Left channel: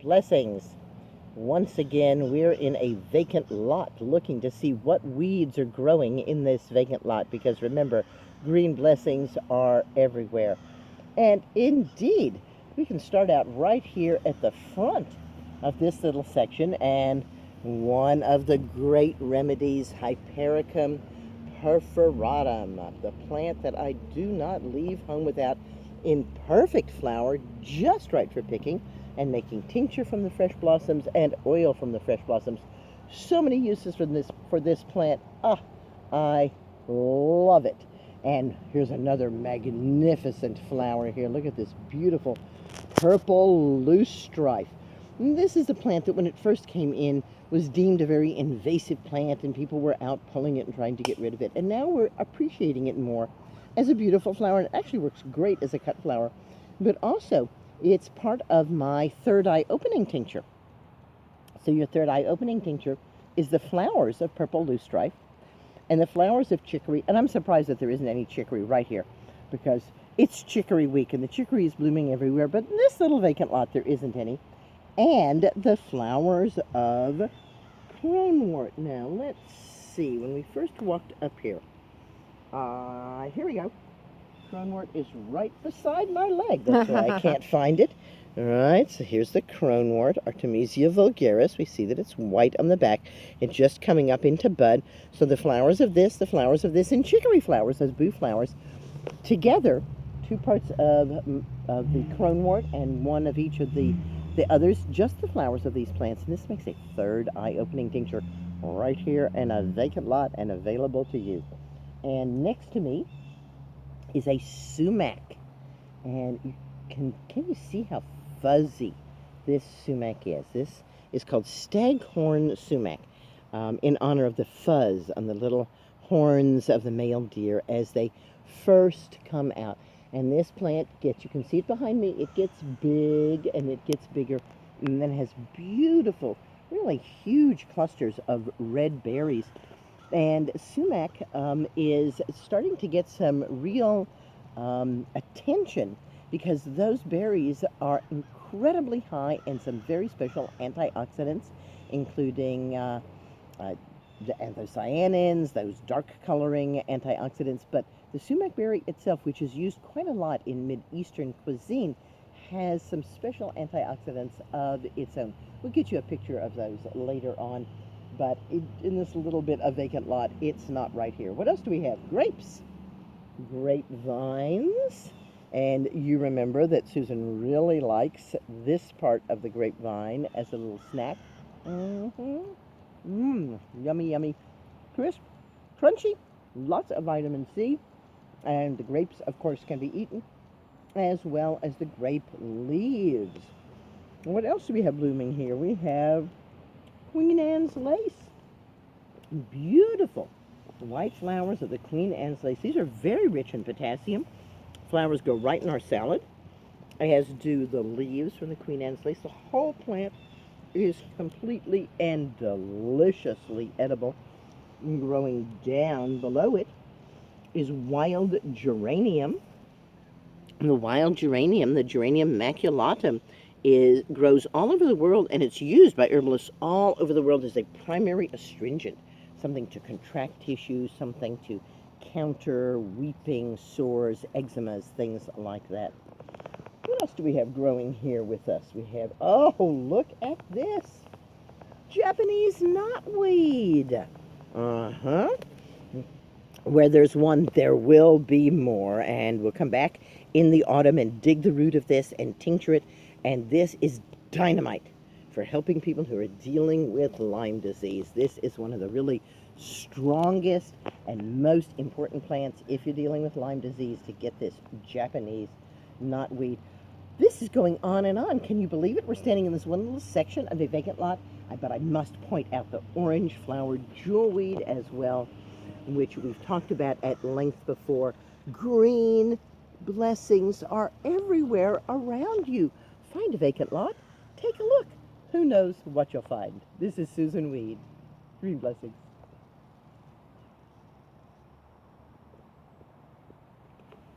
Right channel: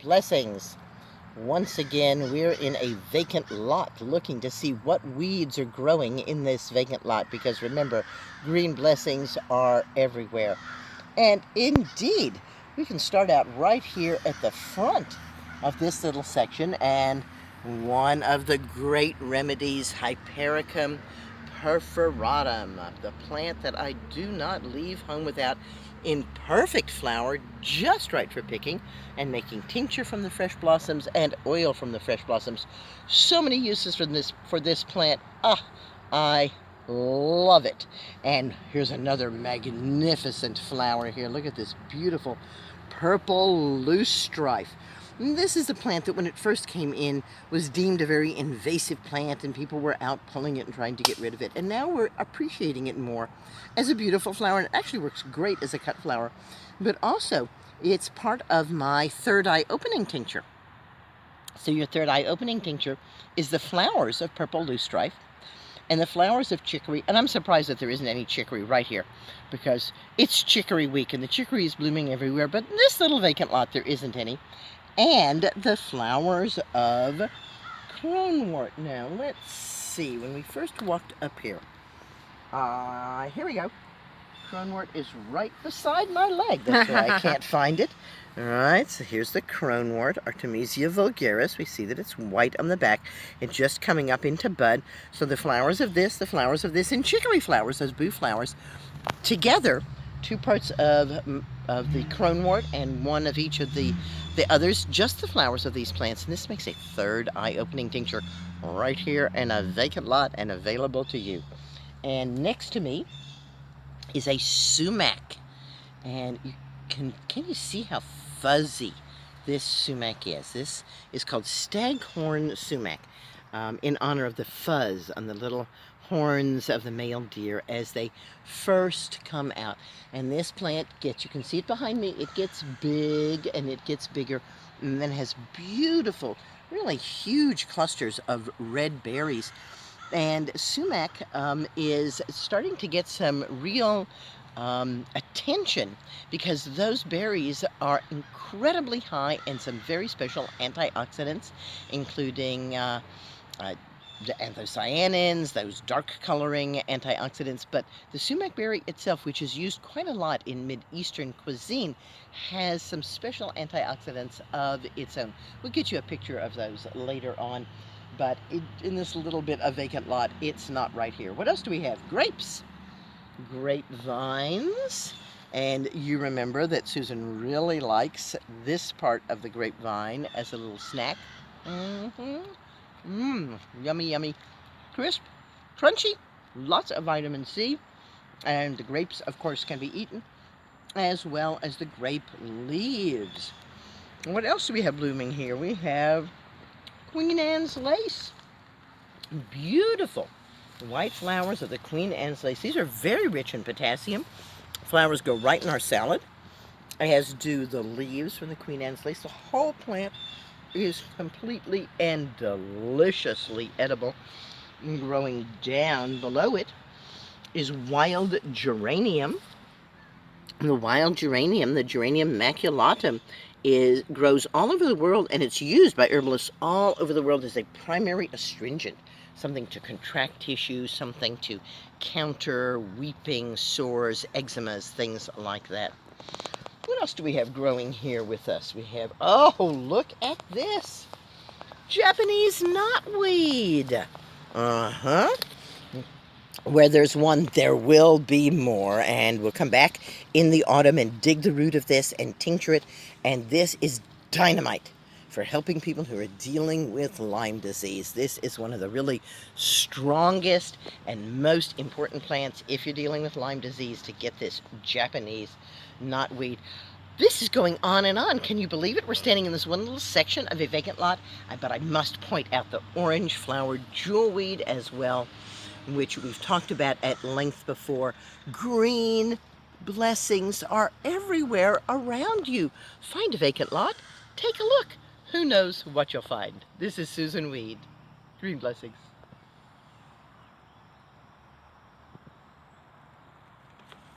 Blessings. Once again, we're in a vacant lot looking to see what weeds are growing in this vacant lot because remember, green blessings are everywhere. And indeed, we can start out right here at the front of this little section, and one of the great remedies, hypericum perforatum, the plant that I do not leave home without, in perfect flower, just right for picking and making tincture from the fresh blossoms and oil from the fresh blossoms. So many uses for this plant. I love it. And here's another magnificent flower here. Look at this beautiful purple Loosestrife. This is a plant that when it first came in was deemed a very invasive plant and people were out pulling it and trying to get rid of it. And now we're appreciating it more as a beautiful flower. And it actually works great as a cut flower. But also, it's part of my third eye opening tincture. So your third eye opening tincture is the flowers of purple Loosestrife and the flowers of chicory. And I'm surprised that there isn't any chicory right here because it's chicory week and the chicory is blooming everywhere. But in this little vacant lot, there isn't any. And the flowers of cronewort. Now, let's see. When we first walked up here, here we go. Cronewort is right beside my leg. That's why I can't find it. All right, so here's the cronewort, Artemisia vulgaris. We see that it's white on the back. It's just coming up into bud. So the flowers of this, and chicory flowers, those boo flowers, together, 2 parts of the cronewort and 1 of each of the others, just the flowers of these plants. And this makes a third eye-opening tincture right here in a vacant lot and available to you. And next to me is a sumac. And can you see how fuzzy this sumac is? This is called staghorn sumac, in honor of the fuzz on the little horns of the male deer as they first come out. And this plant gets, you can see it behind me, it gets big and it gets bigger and then has beautiful, really huge clusters of red berries. And sumac is starting to get some real attention because those berries are incredibly high in some very special antioxidants, including the anthocyanins, those dark coloring antioxidants. But the sumac berry itself, which is used quite a lot in Mid-Eastern cuisine, has some special antioxidants of its own. We'll get you a picture of those later on, but in this little bit of vacant lot, it's not right here. What else do we have? Grapes, grapevines, and you remember that Susan really likes this part of the grapevine as a little snack. Yummy, yummy, crisp, crunchy, lots of vitamin C, and the grapes, of course, can be eaten, as well as the grape leaves. What else do we have blooming here? We have Queen Anne's lace. Beautiful white flowers of the Queen Anne's lace. These are very rich in potassium. Flowers go right in our salad, as do the leaves from the Queen Anne's lace. The whole plant is completely and deliciously edible. And growing down below it is wild geranium. The wild geranium, the Geranium maculatum, grows all over the world, and it's used by herbalists all over the world as a primary astringent, something to contract tissue, something to counter weeping, sores, eczemas, things like that. What else do we have growing here with us? We have, oh, look at this. Japanese knotweed. Where there's one, there will be more. And we'll come back in the autumn and dig the root of this and tincture it. And this is dynamite for helping people who are dealing with Lyme disease. This is one of the really strongest and most important plants if you're dealing with Lyme disease, to get this Japanese knotweed. This is going on and on. Can you believe it? We're standing in this one little section of a vacant lot, but I must point out the orange flowered jewelweed as well, which we've talked about at length before. Green blessings are everywhere around you. Find a vacant lot, take a look. Who knows what you'll find? This is Susan Weed. Green blessings.